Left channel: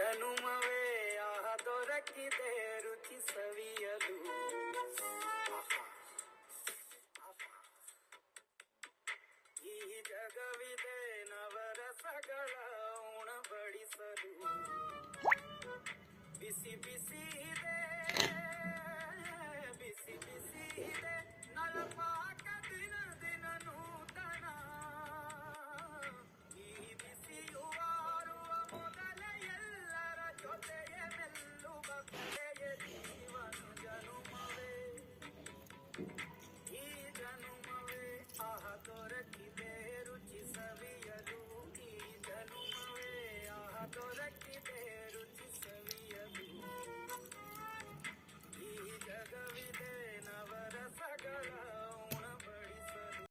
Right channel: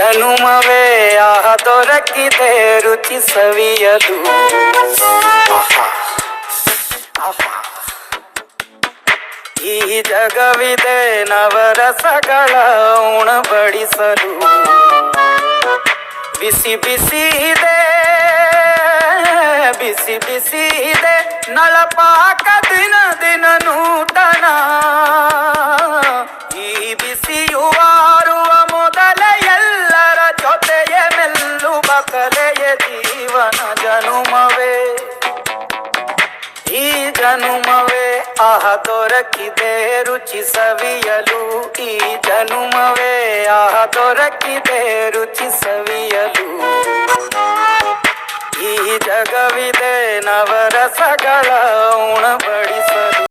ಜನುಮವೇ ಆಹ ದೊರಕಿದೆ ರುಚಿ ಸವಿಯಲು. ಈ ಜಗವಿದೆ ನವರಸಗಳ ಉಣಬಡಿಸಲು. ಬಿಸಿ ಬಿಸಿ ಇದೆ ಬಿಸಿ ಬಿಸಿ ಇದೆ ನಳಪಾಕ ದಿನ ದಿನ ನೂತನ. ಈ ಬಿಸಿಯು ಆರುವ ಮೊದಲೇ ಎಲ್ಲರ ಜೊತೆಯ ಮೆಲ್ಲುವ ಕಲೆಯ ಜೀವನ ಜನುಮವೇ. ಈ ಜನುಮವೇ ಆಹ ದೊರಕಿದೆ ರುಚಿ ಸವಿಯಲು. ಈ ಜನುಮವೇ ಆಹ ದೊರಕಿದೆ ರುಚಿ ಸವಿಯಲು. ಈ ಜಗವಿದೆ ನವರಸಗಳ ಉಣಬ